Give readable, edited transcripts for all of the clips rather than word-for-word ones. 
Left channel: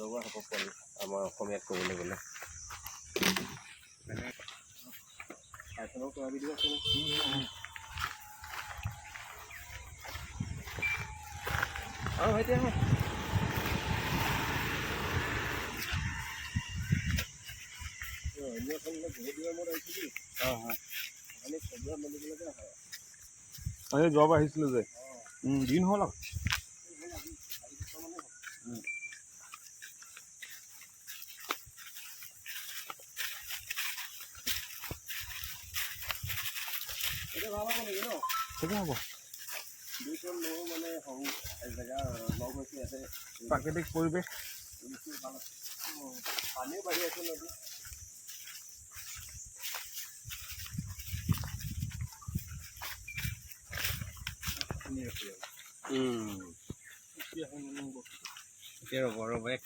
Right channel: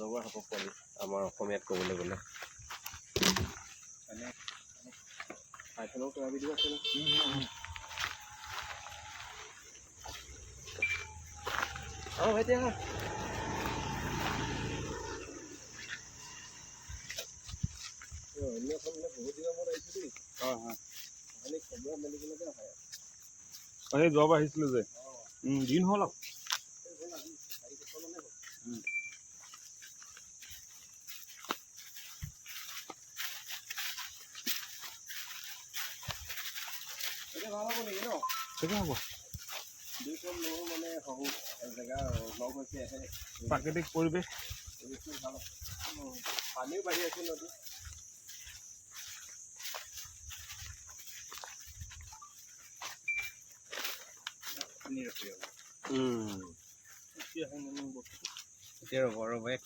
অজগৰ সাপৰ পোৱালি আমাৰ অসমীয়াত ক'বলৈ গ'লে পাইথনৰ কিবা ভিডিঅ' আছে নে? ভাইটি আহা অন্য এখন বহুত দিনৰ মূৰত আহিছোঁ দেই খবৰ মেলিবলৈকে হয় এই যোৱাবাৰ আহিছিলোঁ যে দিন হ'ল আৰু এতিয়া ভাল হ'ব নেকি ন? ঠিকে হ'ব। দুইখন নৌ মানে সৰু জেগা লগ হৈছে ইয়াতে প্ৰাকৃতিক পৰিৱেশ ভাল আছে পানীও বাঢ়ি আছে নদী এতিয়া বৰ বেগ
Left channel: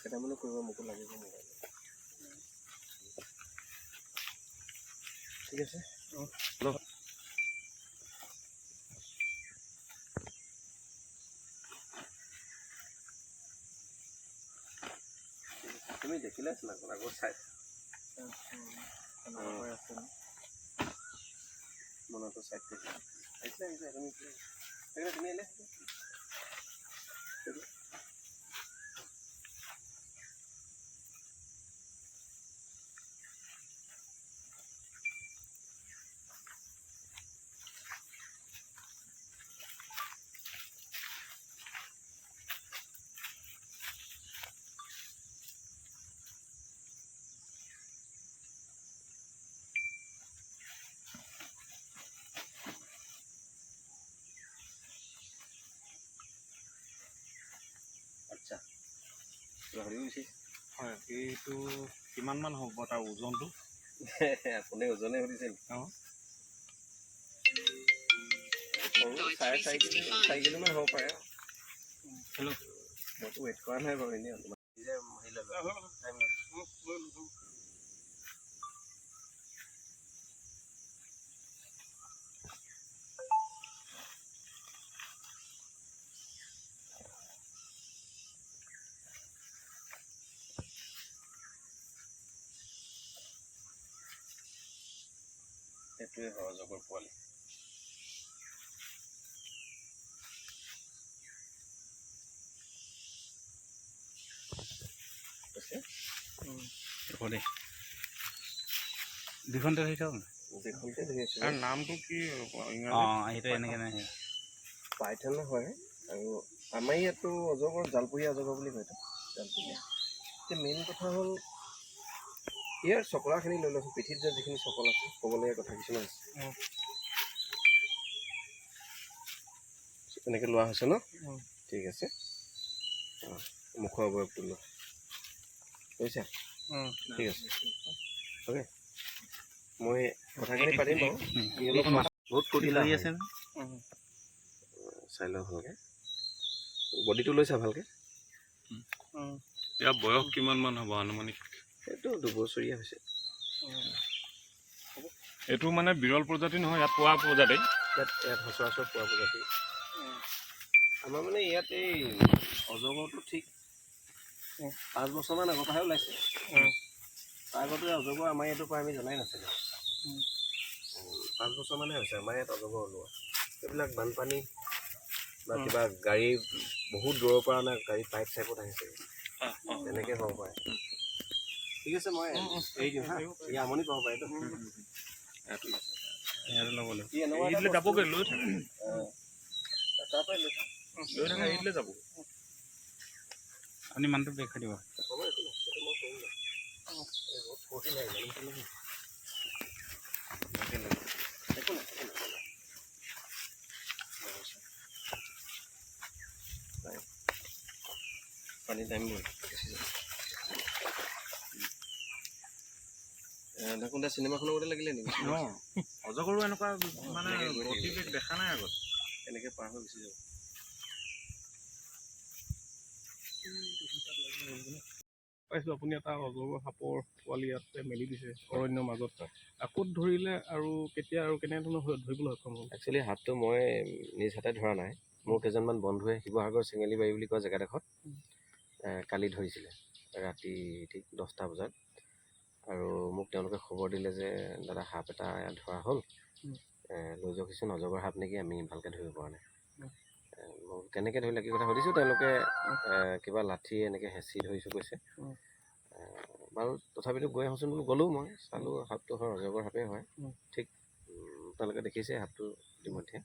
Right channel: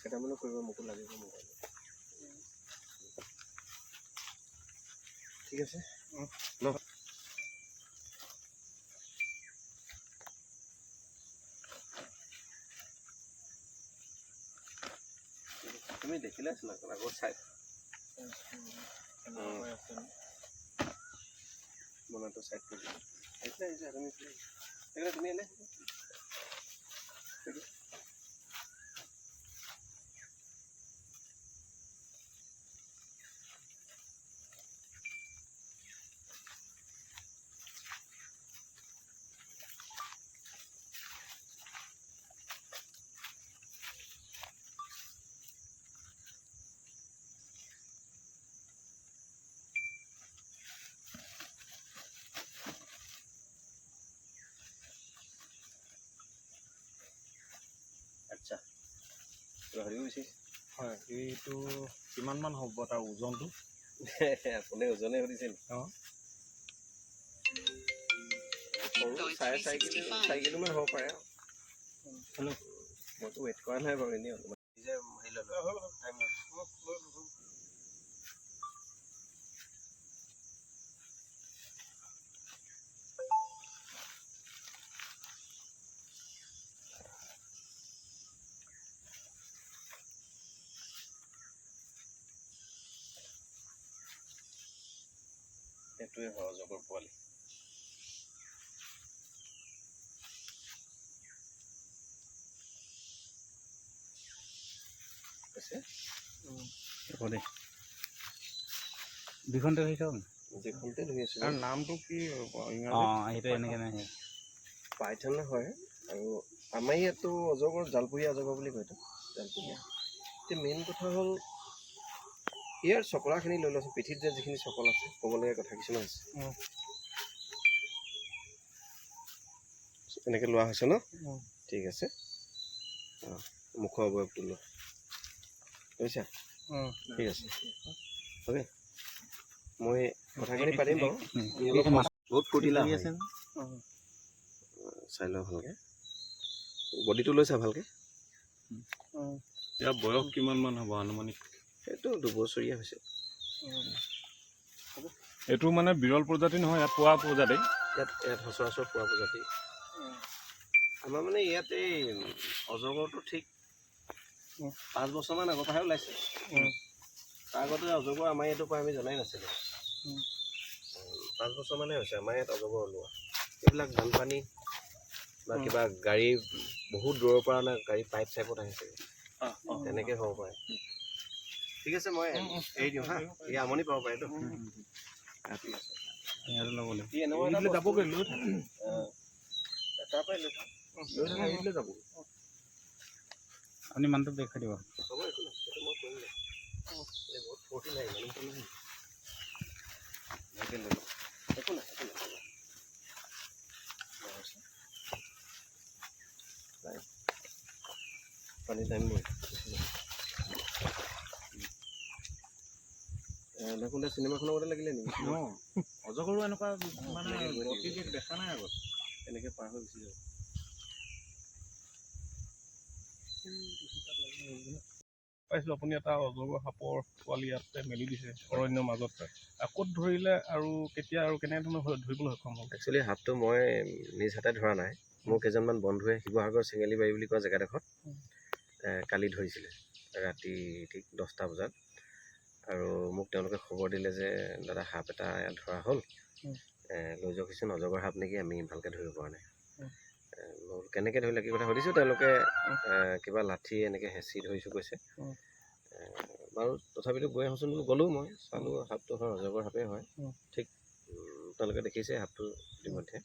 কেইটামানো কৰিব মোকো লাগিব মোবাইল ঠিক আছে ল তুমি দেখিলে আছিলা আগত চাই মনতো চাইড কৰি আহিছিলে তুমি তুমি আহিলে আচ্ছা হেৰি হৈছে হয় এইটো কিমানমান হ'ব তাৰ ওজনটো আপুনি ওজনে সুধিছে নেকি অঁ সৰু 4.5 কিলোমান হ'ব পাৰে হেল্ল' মইতো ৱেইট কৰা নাই বাৰু এনেই অলপমান নিজে হেৰি ল'লোঁ সেইটোৱে হয় অজগৰ পোৱালি দুখনতে ধৰি থাকক দুখনতে ধৰি আছোঁ নামটো কি সেইটো এনেকৈ নাই পাইথন হয় আৰু আমাৰ ইয়াতো অজগৰ জালপুৰীয়া অজগৰ বুলি কয় জালপুৰীয়া এতিয়া মেইন কথা হ'ল ইয়াৰ চকলাখিনি লৈ লৈছোঁ পিঠিত যে যিখিনি চকল আছে ক'বলগীয়া কথা কিছুমান আছে এনেকৈ লোৱা হৈছে ন ঠিক আছে মুখৰ অৱয়ৱটো লোৱা বুজিছা ঠিক আছে অ'কে মই কথাখিনি পাতিম বাৰু বহুত ফূৰ্তি লাগি আছে চাই লওঁ ভালকৈ বডিটো লৈছা ভালকৈ ইয়াৰ বয়স কিমানমান হ'ব আনুমানিক সেইটো 2 বছৰীয়া হৈছে এইটো মানে বিৰল প্ৰজাতি নহয় ইয়াত পোৱা প্ৰজাতি ইয়াত সচৰাচৰ পোৱা প্ৰজাতি আমাৰ মানে ইয়াত এই অজগৰটো ঠিক 5 বছৰমান আগৰ পৰাহে ওলাইছে তাৰ আগতে অজগৰ আমাৰ ইয়াতো পৰা আমি জনাই নাছিলোঁ 5 বছৰমানে হৈছে আমাৰ ইয়াত অজগৰ ওলোৱা এইবিলাক বানপানী বা কিবা গাড়ী বহুত দূৰৰ পৰা না গাড়ী পাইপ চাইপত আহিছে তেনেকৈ হ'ব পাৰে ঠিক আছে মই এৰি দিওঁ হা এই আমনি পাব পাৰেতো যাবগৈ লৈ থাকে তাৰ পৰাই লৈ থাকে এৰিলে যাব আপুনি মানুহটো দেখাই দিব হ'ব একো নাই সেইটো মই কৰিম বহুত ফূৰ্তি নাই একো নাই পানী টাইম দেখোন চিনেমাখনৰ মতে লাগিলে নেকি অজগৰো এনেকুৱা মানে গতিবেগ দেখা নাই আগত এনেকৈ পাৰ হৈ গুচি যাব পাইছোঁ আপুনি এটা অজগৰ সাপৰ পোৱালি ইয়াতে মেলি দিছে অৰণ্যৰ মাজত। ক'ত ধৰিলে আৰু কেতিয়া আৰু কেনেধৰণৰ ধৰিবলৈ সক্ষম হ'ল? একচুৱেলি সাপটো মই নিজ হাতে ধৰা নাই। মোৰ কেইজনমান বন্ধুৱে শিৱসাগৰ চেঙেলীবাৰী বুলি কোৱা জেগাডোখৰত কালি ধৰিছিলে ৰাতি ঠিক 10টা বজাত। আৰু মোক তেওঁলোকে খবৰ দিলে যে দাদা সাপ এটা ইয়াত ধৰা হ'ল, লৈ যাওকচোন, অজগৰ সাপ নেকি, আমি ভালকৈ ধৰিব পৰা নাই। মই কেনেকৈ ধৰিলে কি কথা সুধিছোঁ, তেওঁলোকে কিবা লাঠি এনেকৈ হেঁচি ধৰিছোঁ কৈছে। বাৰু তথাপিতো গৈ আহোঁচোন বোলো, গ'লোঁ মই চালোঁ সাপটো হয় অজগৰ সাপেই হয়। ঠিক আপোনালোকে দেখিছে সাপটো ইতিমধ্যে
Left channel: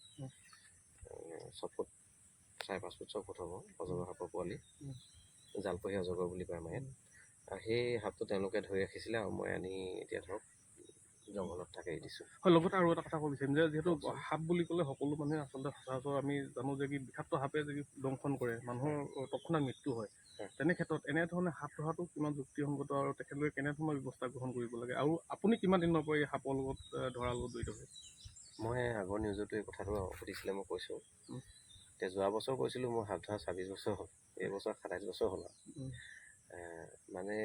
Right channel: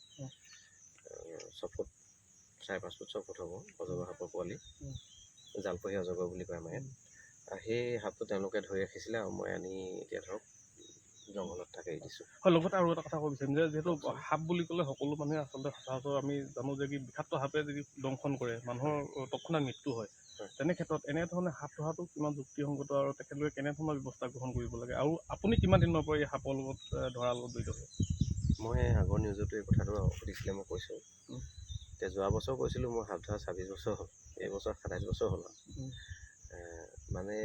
6 ফুট 4.5 ফুট 6 ফুট হ'ব অজগৰ সাপৰ পোৱালি, জালপহী অজগৰ বুলি কয় আমাৰ ইয়াত। সেই সাপটো তেওঁলোকে ধৰি ৰাখিছিলে আৰু মই আনি এতিয়া ধৰক জংঘলত থাকে দিছোঁ। হয়, লগতে আৰু এটা কথা ক'ব বিচাৰিম যে যিহেতু সাপ বুলি ক'লে সকলো মানুহে আচলতে সচৰাচৰ আমি জানো যে কি বিষাক্ত সাপে যদি দংশন কৰে মানুহৰ তৎক্ষণাত মৃত্যু হয়। তেনে ক্ষেত্ৰত এনেধৰণে সাপ ধৰাটো কিমান যুক্তিসংগত আৰু তেখেতলোকে কেনেধৰণৰ ব্যৱস্থা গ্ৰহণ কৰিব লাগে, আৰু আপুনি কিমান দিনৰ পৰা এই সাপৰ লগত ধৰাৰ লগত জড়িত হৈছে? মই আগৰ নিউজতো এই কথাটো সুধিছিলে, মই কৈছোঁ। এতিয়া যোৱা বছৰ কৈছিলোঁ মোৰ সাপ ধৰা 26 বছৰ হ'ল, এইবছৰ 27 বছৰ হ'ল আৰু। মানে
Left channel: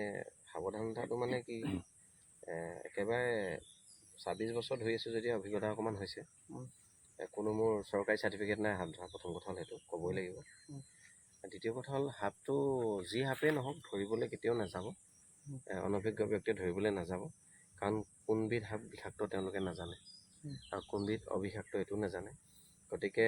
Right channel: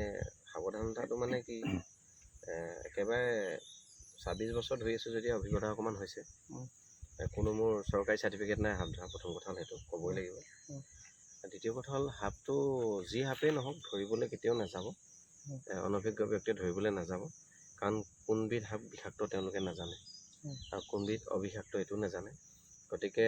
সাৱধানতাটো মানে কি, একেবাৰে 26 বছৰ ধৰি আছোঁ যদি অভিজ্ঞতা অকণমান হৈছে। কোনো মোৰ চৰকাৰী চাৰ্টিফিকেট নাই সাপ ধৰা, প্ৰথম কথা হ'ল সেইটো ক'বই লাগিব। দ্বিতীয় কথা হ'ল সাপটো যি সাপেই নহওক ধৰিবলৈ কেতিয়াও নাযাব, অনভিজ্ঞ ব্যক্তিয়ে ধৰিবলৈ নাযাব, কাৰণ কোনবিধ সাপ বিষাক্ত তেওঁলোকে নাজানে আৰু কোনবিধ অবিষাক্ত এইটো নাজানে। গতিকে